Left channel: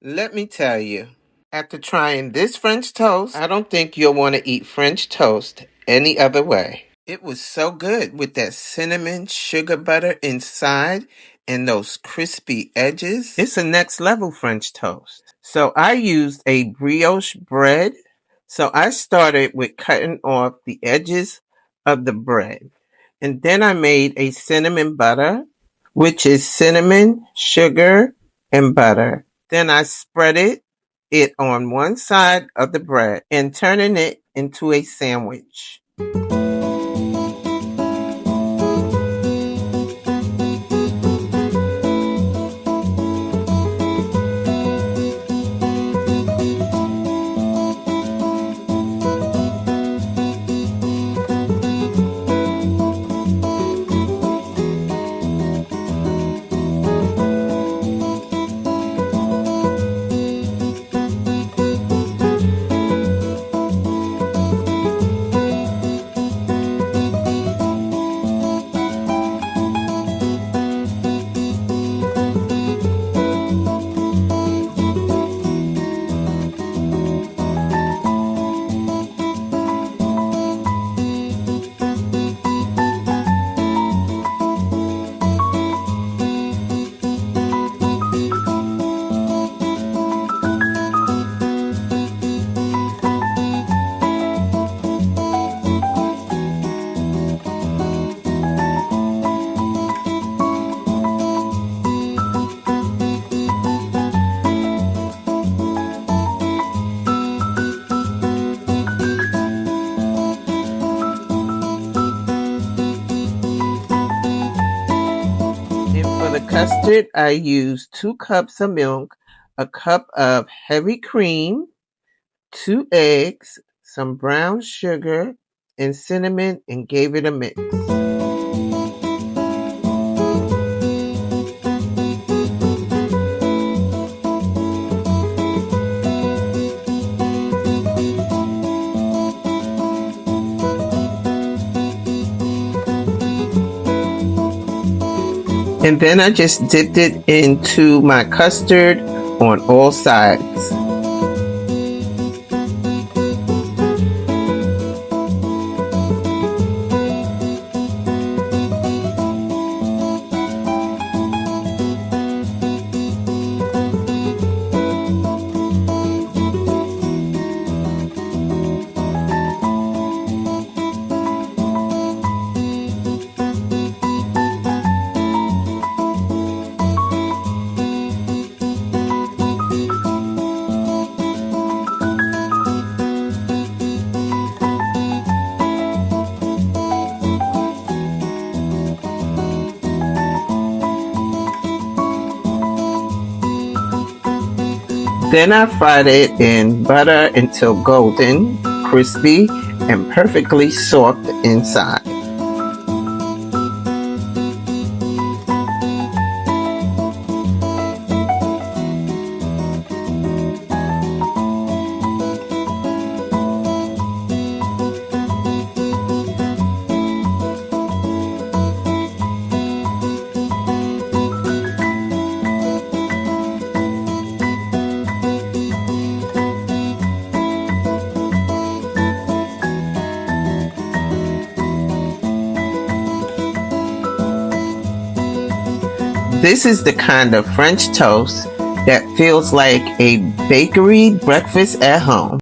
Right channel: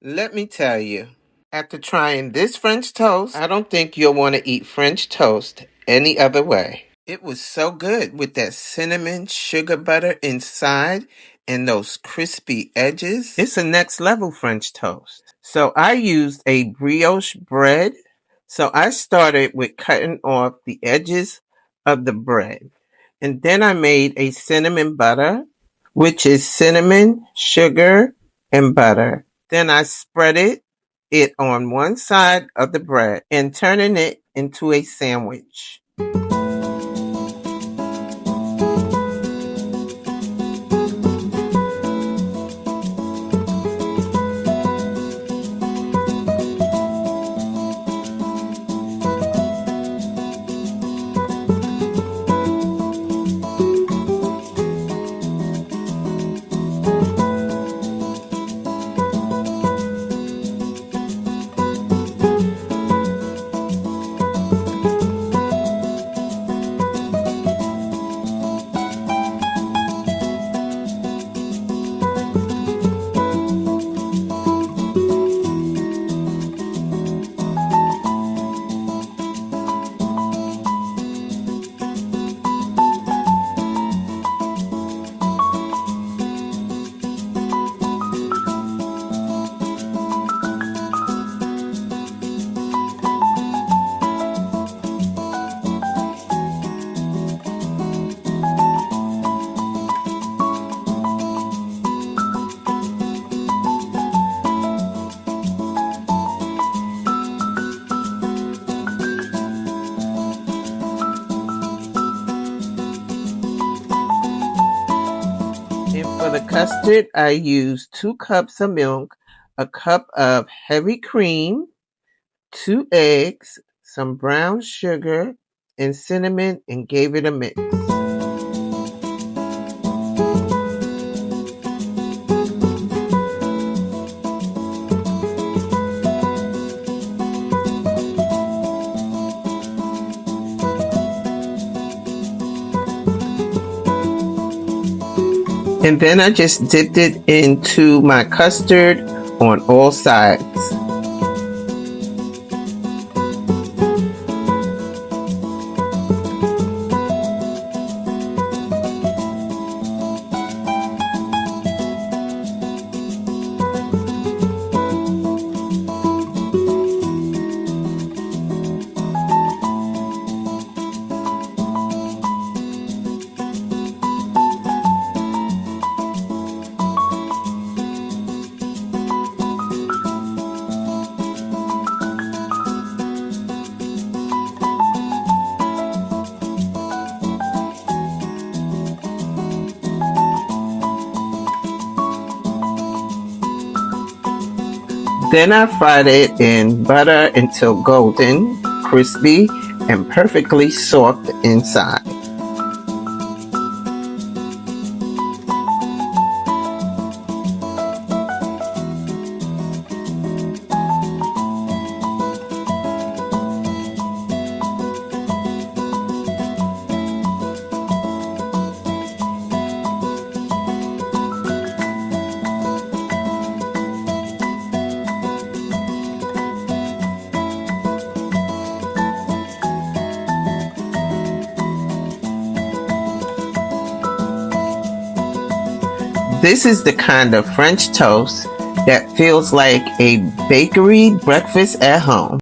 Let me tell you, after trying this French toast, I don't think you'll want to eat French toast any other way. It was so good with that cinnamon sugar butter inside and those crispy edges. It's a next level French toast. So I used a brioche bread. So I started with cutting off the edges of the bread. And then I made a cinnamon butter, which is cinnamon, sugar, and butter. Then I spreaded it on one side of the bread and turning it into a sandwich. And for the custard, I used 2 cups of milk, a cup of heavy cream, 2 eggs, some brown sugar, and cinnamon, and gave it a mix. And then I just dipped it into my custard on all sides. Then I fried it in butter until golden, crispy, and perfectly soft inside. This is the kind of French toast that feels like a bakery breakfast at home.